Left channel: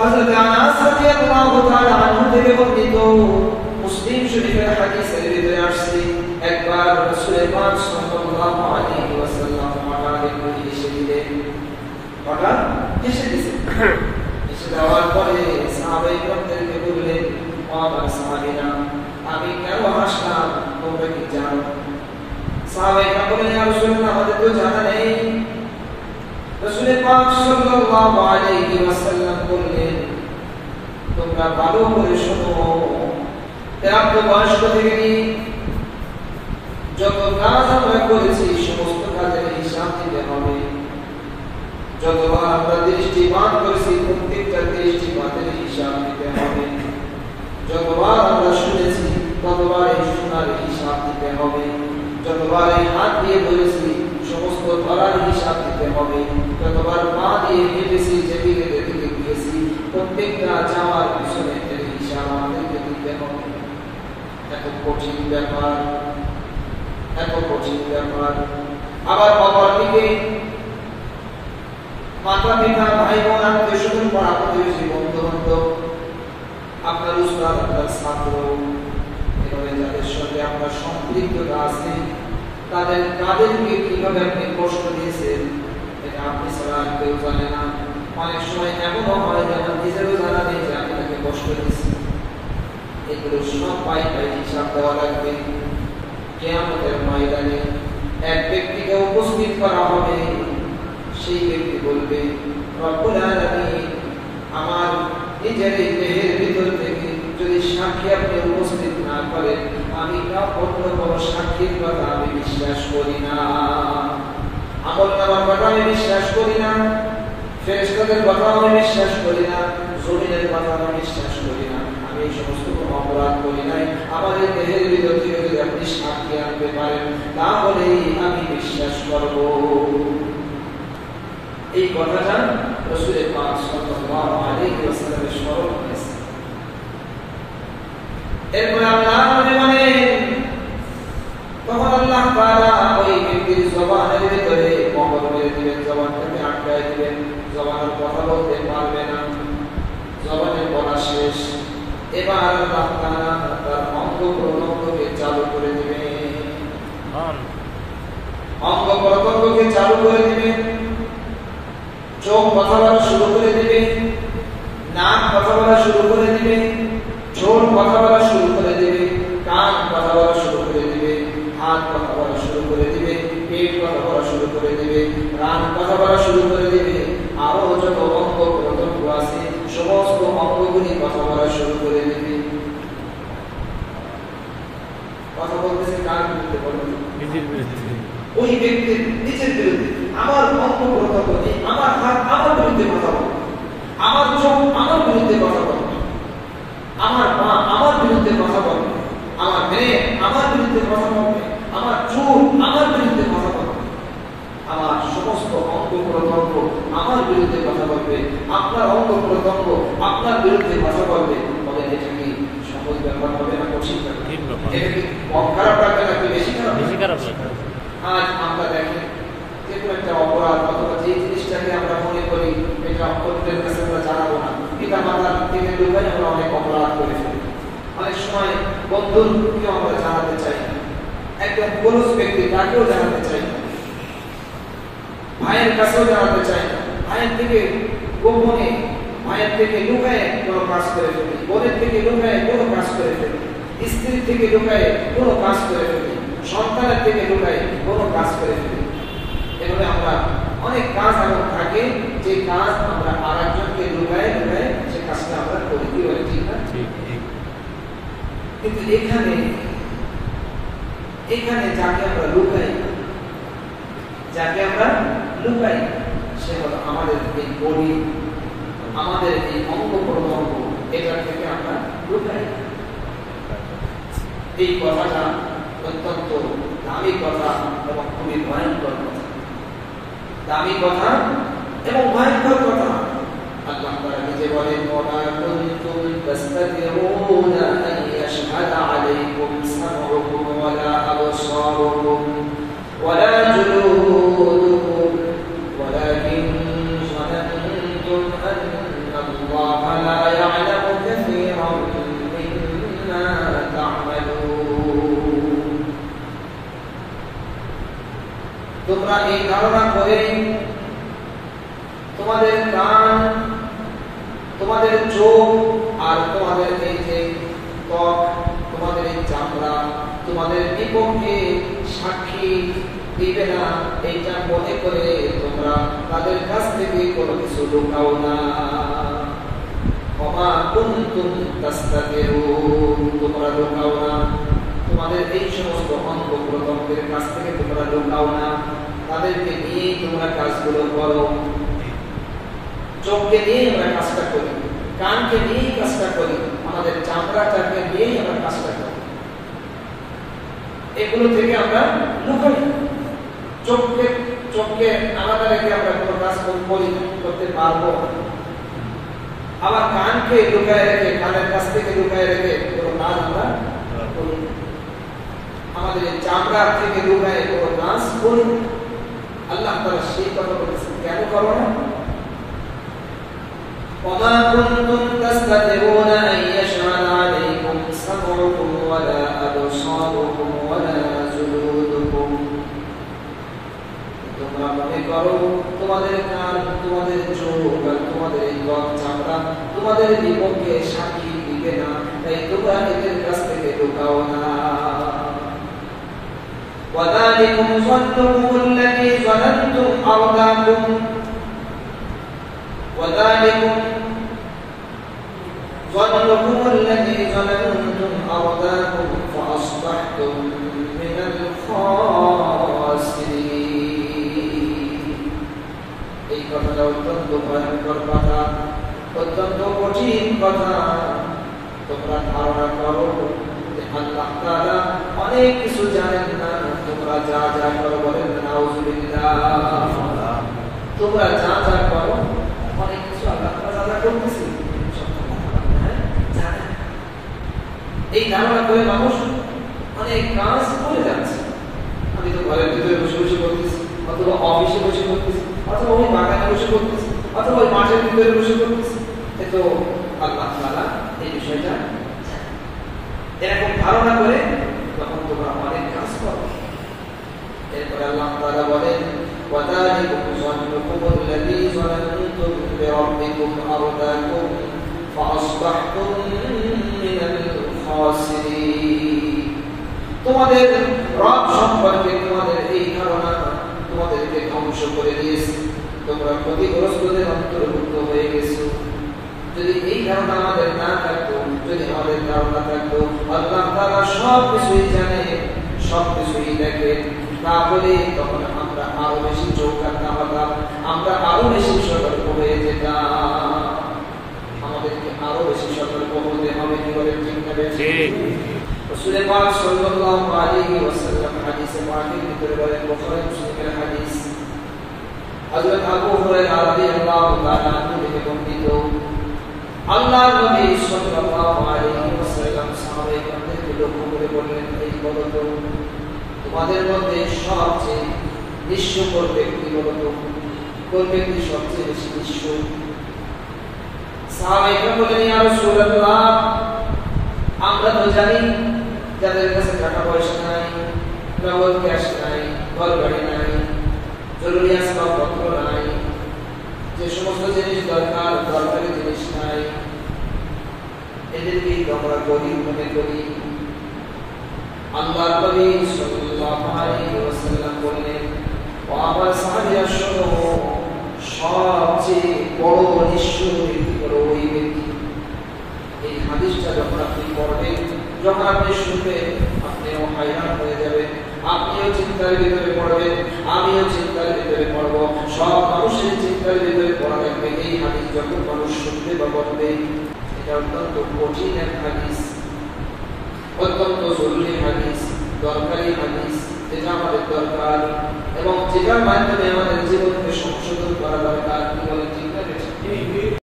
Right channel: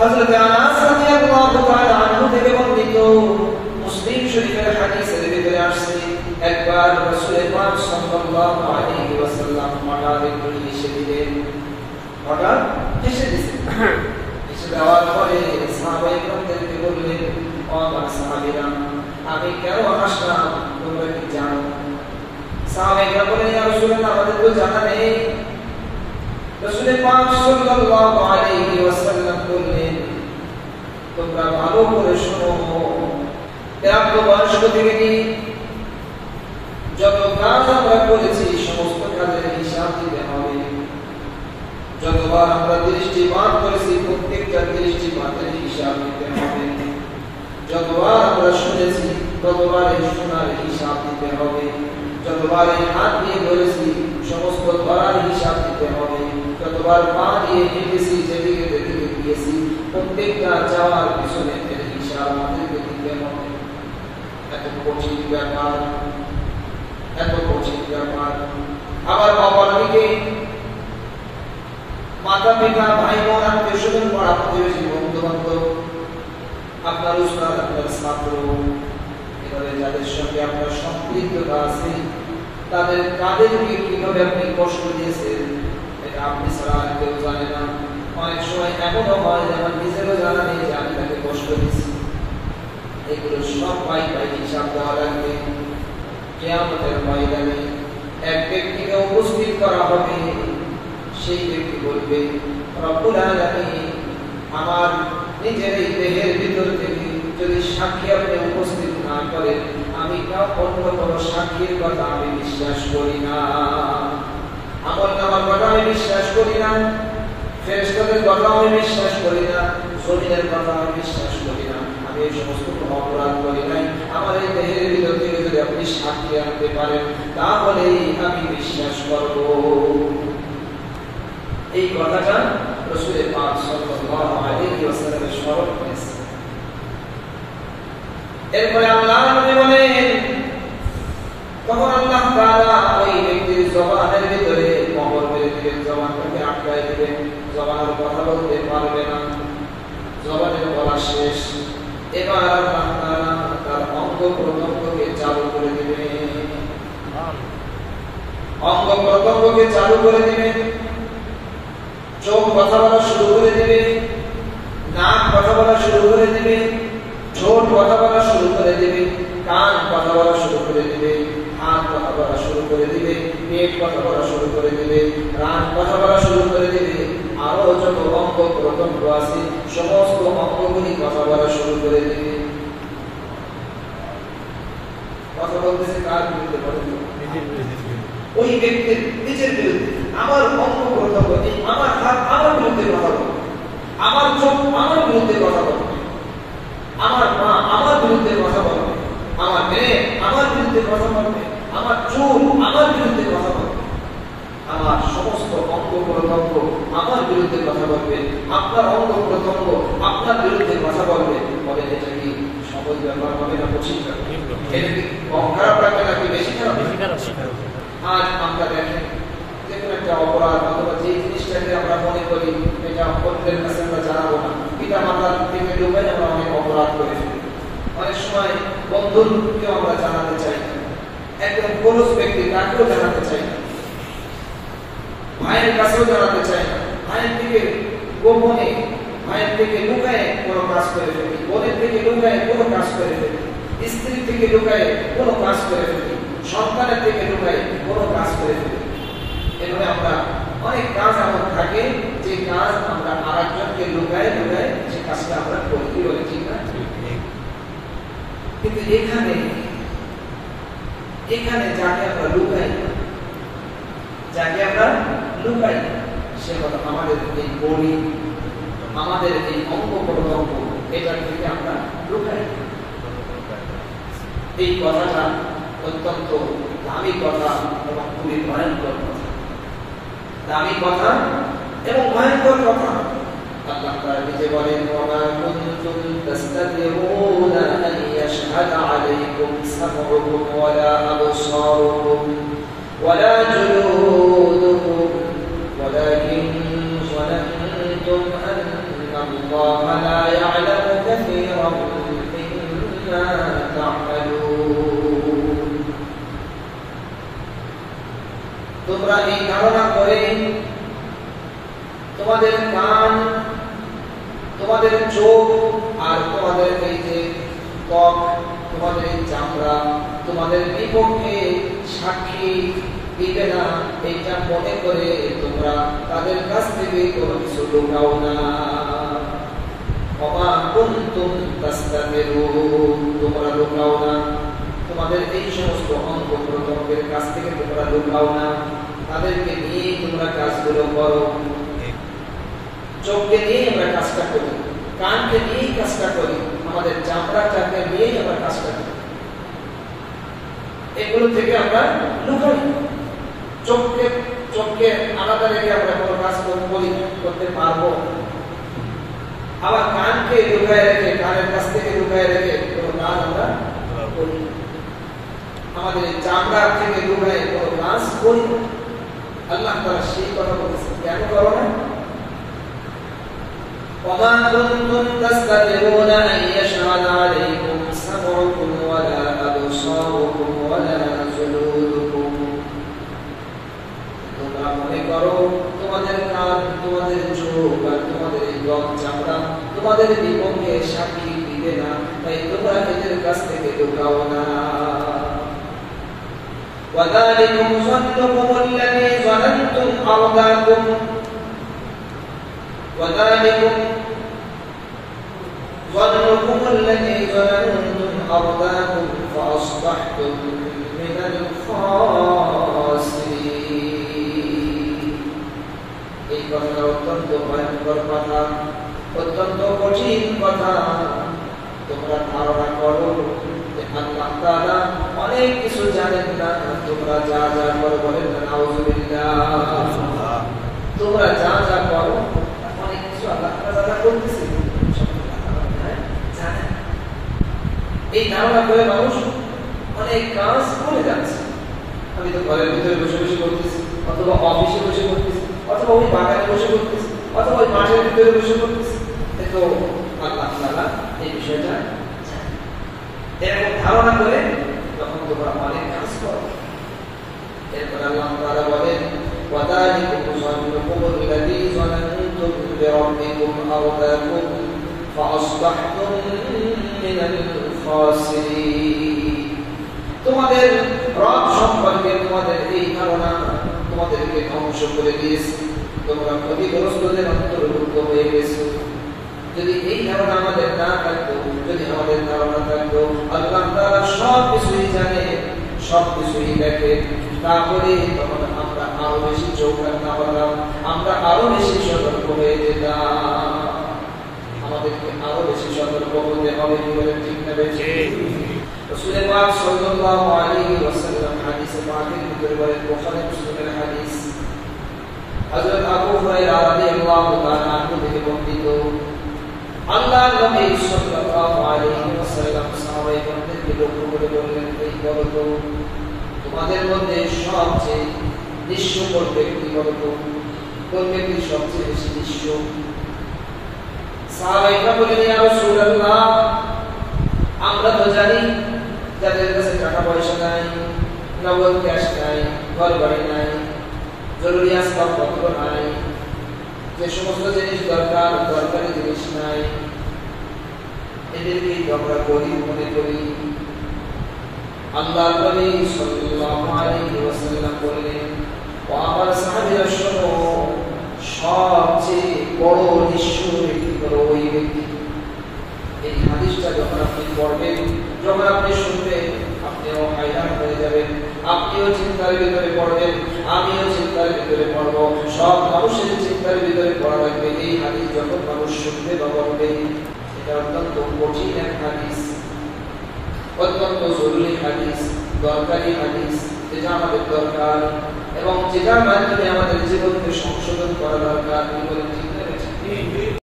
হযরত আনাস রাদিয়াল্লাহু তাআলা আনহু থেকে বর্ণিত মুসলিম শরীফের হাদিসের ভিতরে আসছে একবার রাসূল পাক সাল্লাল্লাহু আলাইহি ওয়াসাল্লাম হঠাৎ হেসে দিলেন। হঠাৎ হেসে দিলেন। হেসে দেওয়ার পরে সাহাবায়ে কেরামদেরকে বললেন, ও সাহাবীরা, আমি কেন হাসলাম তোমরা কি জানো? সাহাবায়ে কেরাম বললেন, ইয়া রাসূলুল্লাহ, আমাদের তো জানা নেই। রাসূল পাক সাল্লাল্লাহু আলাইহি ওয়াসাল্লাম বললেন, তোমরা ভালো করে শোনো, প্রাপ্ত বয়স্ক থেকে নিয়ে যত কাজ আমরা করেছি সমস্ত কাজের হিসাব দিতে হবে। যতবার আমরা দৃষ্টিপাত করেছি প্রত্যেকটা দৃষ্টিপাতের হিসাব দিতে হবে। যতবার আমরা শুনেছি ততবার এই শোনার হিসাব দিতে হবে। যতবার এই হাত দিয়ে ধরেছি সমস্ত ধরার হিসাব দিতে হবে। যতবার পা দিয়ে হেঁটেছি যেদিকে যেদিকে গিয়েছি প্রত্যেকটা যাওয়ার পিছনে হিসাব আমাদেরকে দিতে হবে। এত কঠিন ব্যাপার, এত কঠিন ব্যাপার। আবার অপরদিকে মাতা পিতা ভাই বোন আত্মীয় স্বজন পাড়া প্রতিবেশী বন্ধু বান্ধব, আপনার উস্তাদ, আপনার ছাত্র, এভাবে যাদের সঙ্গে আপনার সম্পৃক্ততা আছে তাদেরকে কিভাবে আপনি কষ্ট দিয়েছেন এটা আপনি ছাড়া কেউ জানে না। অনেক সময় এমনও হয় যে আমার নিজেরও জানা নেই যে আমি তাকে কষ্ট দিচ্ছি। এগুলো সব পাই হিসাব দেওয়া লাগবে। কিয়ামতের ময়দানে এক ব্যক্তিকে উপস্থিত করা হবে। সেই ব্যক্তি বলবে, রব্বুল আলামিন, আমার নিজের দেহের ভিতর থেকে যদি সাক্ষী আপনি উপস্থিত না করেন আমি অন্য কোনো সাক্ষীর কথা আমি বিশ্বাস করি না। আমলনামার কথা আমি বিশ্বাস করি না, ফেরেশতাদের কথা আমি বিশ্বাস করি না, জমিনের কথা আমি বিশ্বাস করি না। আমি এই সমস্ত অপরাধ করি নাই। আমাদের দেহের ভিতর থেকে যদি আপনি সাক্ষী আনতে পারেন তাহলে আমি বিশ্বাস করব। এই কথাটা রাসূল পাক সাল্লাল্লাহু আলাইহি ওয়াসাল্লামের স্মরণ হয়েছে। এরপরে আল্লাহ নবী বলেন, তখন আল্লাহ তাআলা ওই ব্যক্তির জবানের ভিতরে মোহর মেরে দিবেন, জবানটাকে আটকায় দিবেন, জবানের কথা বলতে পারবে না, জবানের বলা শেষ। এবার আল্লাহ তাআলা তার অঙ্গ প্রত্যঙ্গকে চালু করে দিবেন, অঙ্গ প্রত্যঙ্গকে চালু করে দিবেন। চোখ কথা বলা শুরু করে দিবে, নাক কথা বলা শুরু করে দিবে, ঠোঁট কথা বলা শুরু করে দিবে, কান কথা বলা শুরু করে দিবে, হাত কথা বলা শুরু করে দিবে, পেট কথা বলা শুরু করে দিবে, রান কথা বলা শুরু করে দিবে। আরো যত অঙ্গ প্রত্যঙ্গ আছে সমস্ত অঙ্গগুলি কথা বলা শুরু করে দিবে। কথা বলতেছে কার বিরুদ্ধে? নিজের বিরুদ্ধে। ওই ব্যক্তির নিজের বিরুদ্ধে। আমার অঙ্গ প্রত্যঙ্গ, আমার হাত আমার বিরুদ্ধে কথা বলবে, আমার চোখ আমার বিরুদ্ধে কথা বলবে, আমার মা আমার বিরুদ্ধে কথা বলবে, আমার মেয়ে আমার বিরুদ্ধে কথা বলবে, আমার চুল আমার বিরুদ্ধে কথা বলবে, আমার সমস্ত অঙ্গ প্রত্যঙ্গ আমার বিরুদ্ধে কথা বলবে, আপনার অঙ্গ প্রত্যঙ্গ আপনার বিরুদ্ধে কথা বলবে। বলে এটা কি সহজ ব্যাপার হবে না কঠিন ব্যাপার? এটা কি কম খারাপ লাগবে নাকি বেশি খারাপ? আজ আমরা দেখি যে কোনো একটা অপরাধ অথবা যে জিনিসটাকে আমরা মনে করি এটা অপরাধের কাছে আমরা জানাবো না, এটা আমরা থেকে লুকাই আমরা অনেক অপরাধ করে ফেলি। অনেক সময় বন্ধুকেও আমরা জানাতে চাই না, একদম ক্লোজ ব্যক্তি তাকেও জানাতে চাই না, ভাইয়ের কাছেও জানাতে চাই না। ভাইয়ের থেকে গোপনে, ভাইয়ের থেকে লুকায় কোনো কাজ করে ফেলি, বোনের থেকে লুকায় কোনো কাজ করে ফেলি, স্ত্রীর থেকে লুকায় কোনো কাজ করে ফেলি, সন্তানের থেকে লুকায় কোনো কাজ করে ফেলি। এভাবে আমরা অনেক কাজ এমন থাকে যে কাজ আমরা আরেকজনকে লুকায় লুকায় সে কাজটা আমরা করি, ঠিক না? কিন্তু এখানে যাকে আমরা লুকাই, সে হলো আমাদের এই বডি, আমাদের এই অঙ্গ প্রত্যঙ্গ, এটা থেকে আমরা লুকাই। এই কথাটা অত্যন্ত দামি কথা এবং খুবই ভয়ঙ্কর কথা, দামি কথা এবং ভয়ঙ্কর কথা। আল্লাহ তাআলা নিজে বলেন, ওয়া কুনতুম তাস্তাতিরুনা আন ইয়াশহাদা আলাইকুম সামউকুম ওয়া লা আবসারুকুম ওয়া লা জুলুদুকুম ওয়ালাকিন যানানতুম আন্না আল্লাহা مما تعملون তোমরা এই ধারণা করে তোমাদের কান, তোমাদের চোখ আর তোমাদের এই যে ত্বক, তোমাদের এই চামড়া তোমাদের বিপক্ষে সাক্ষী দিবে না, এইটা মনে করে তোমরা তাদের কাছ থেকে কোনো কিছু লুকাও না। ওমা কুনতুম তাস্তাকিরুন, তোমরা লুকাও না, তোমাদের এই সমস্ত অঙ্গ প্রত্যঙ্গের কাছ থেকে তোমরা লুকাও না, তাদেরকে নিয়ে তোমরা কাজগুলো করো। চোখকে নিয়ে আমরা কাজটা করি, কানকে নিয়েই কাজটা করি, আমাদের চামড়াটাকে নিয়েই আমরা কাজটা করি, এগুলো থেকে আমরা লুকাই। চোখকে আলাদা রেখে আমরা কোনো কাজ করতে পারবো, আবার কানকে লুকায় রেখে, কানের কাছ থেকে লুকায় রেখে কোনো কাজ আমরা করি, আমাদের এই চামড়া থেকে লুকায় কোনো কাজ করি। আল্লাহ তাআলা সেই কথা বলেছেন, কেন করো না? وما كنتم تستطيعون أن يشهد عليكم سمعكم ولا أبصاركم ولا جلودكم। তোমরা মনে করো তোমাদের কান, তোমাদের চোখ আর তোমাদের চামড়া তোমাদের বিপক্ষে সাক্ষী দিবে না, তাই তোমরা এদের কাছ থেকে লুকাও না। وذلكم ظنكم الذي ظننتم أرداكم وذلكم ظنكم الذي ظننتم أرداكم فأصبحتم من الخاسرين। এই কথাটা অত্যন্ত ভয়ঙ্কর কথা, অত্যন্ত কঠিন কথা। তোমরা ধারণা করো যে আল্লাহ তাআলা অনেক কিছু জানেন না, তোমরা যা যা করো বলেন নাউযুবিল্লাহ, তোমরা যা যা করো অনেক কিছু আল্লাহ তাআলা যা করতেছে জানেন। এই ধারণা করে মানুষ অনেক কাজ করে যাচ্ছে। আমি তো ঘরের ভিতরে বসে বসে করতেছি, অথবা অফিসে বসে করতেছি, অথবা ওই বাগানে বসে করতেছি, অথবা ওই মাঠের ভিতরে বসে করতেছি, তো আল্লাহ তাআলা এই বিষয়টা এরকম ধারণা করে তখন তোমরা অনেক কাজ করো। এরপর আল্লাহ তাআলা বলেন وذلكم ظنكم الذي ظننتم بربكم أرداكم فأصبحتم من الخاسرين। তোমাদের রব সম্পর্কে তোমাদের এই ধারণা তোমাদেরকে ধ্বংস করে দিয়েছে, তোমরা ক্ষতিগ্রস্তদের অন্তর্ভুক্ত হয়ে গেছো। যদি এই ধারণা আমাদের না থাকতো, যদি আমাদের ধারণা থাকতো আল্লাহ তাআলা সব কিছুই জানে, সব কিছুই দেখে, তাহলে তখন আমরা আরো বেশি চৌকান্না হতাম, আমরা আরো বেশি সতর্ক হয়ে যেতাম। আমাদেরকে আরো বেশি সতর্ক হতে হবে, কি বলেন ঠিক না? রাসূল পাক সাল্লাল্লাহু আলাইহি ওয়াসাল্লাম হাদিসে পাকের ভিতরে বলেন, বুখারী মুসলিমের হাদিস, হযরত আবু হুরায়রা রাদিয়াল্লাহু তাআলা আনহু থেকে বর্ণিত, আল্লাহর নবী সাল্লাল্লাহু আলাইহি ওয়াসাল্লাম সাহাবায়ে-কেরামদেরকে লক্ষ্য করে বললেন, এই বলো তো তোমাদের মধ্যে সবচেয়ে নিঃস্বকর ব্যক্তি বলতো, কোন ব্যক্তি সবচেয়ে বেশি নিঃস্ব? সাহাবায়ে-কেরাম বললেন, ইয়া রাসূলুল্লাহ, আমরা তো জানি যাদের কাছে টাকা পয়সা নাই, নগদ ক্যাশ নাই, ঘর বাড়ি নাই, জরুরি আসবাবপত্র নাই, যে সমস্ত জিনিস দরকার দরকারি জিনিস নাই, এদেরকেই তো আমরা গরিব মনে করি। আল্লাহর নবী সাল্লাল্লাহু আলাইহি ওয়াসাল্লাম বললেন, ও আমার সাহাবীরা শোনো, সবচেয়ে বড় নিঃস্ব ব্যক্তি হলো ওই ব্যক্তি। এই হাদিসটা যখন আপনি পড়বেন, যখন আপনি শুনবেন, আপনিও হায়রান হয়ে যাবেন, আপনিও চিন্তার ভিতরে পড়বেন, আমিও চিন্তার ভিতরে পড়বো, সব মানুষের চিন্তার ভিতরে পড়া লাগবে। এই হাদিস যখন মানুষ শুনবে বা পড়বে, এটা অত্যন্ত কঠিন এক হাদিস, অত্যন্ত জরুরি হাদিস, দরকারি হাদিস, যেটা আমাদের দরকার এবং যেটার মাধ্যমে আমাদের জীবনকে সংশোধন করা দরকার।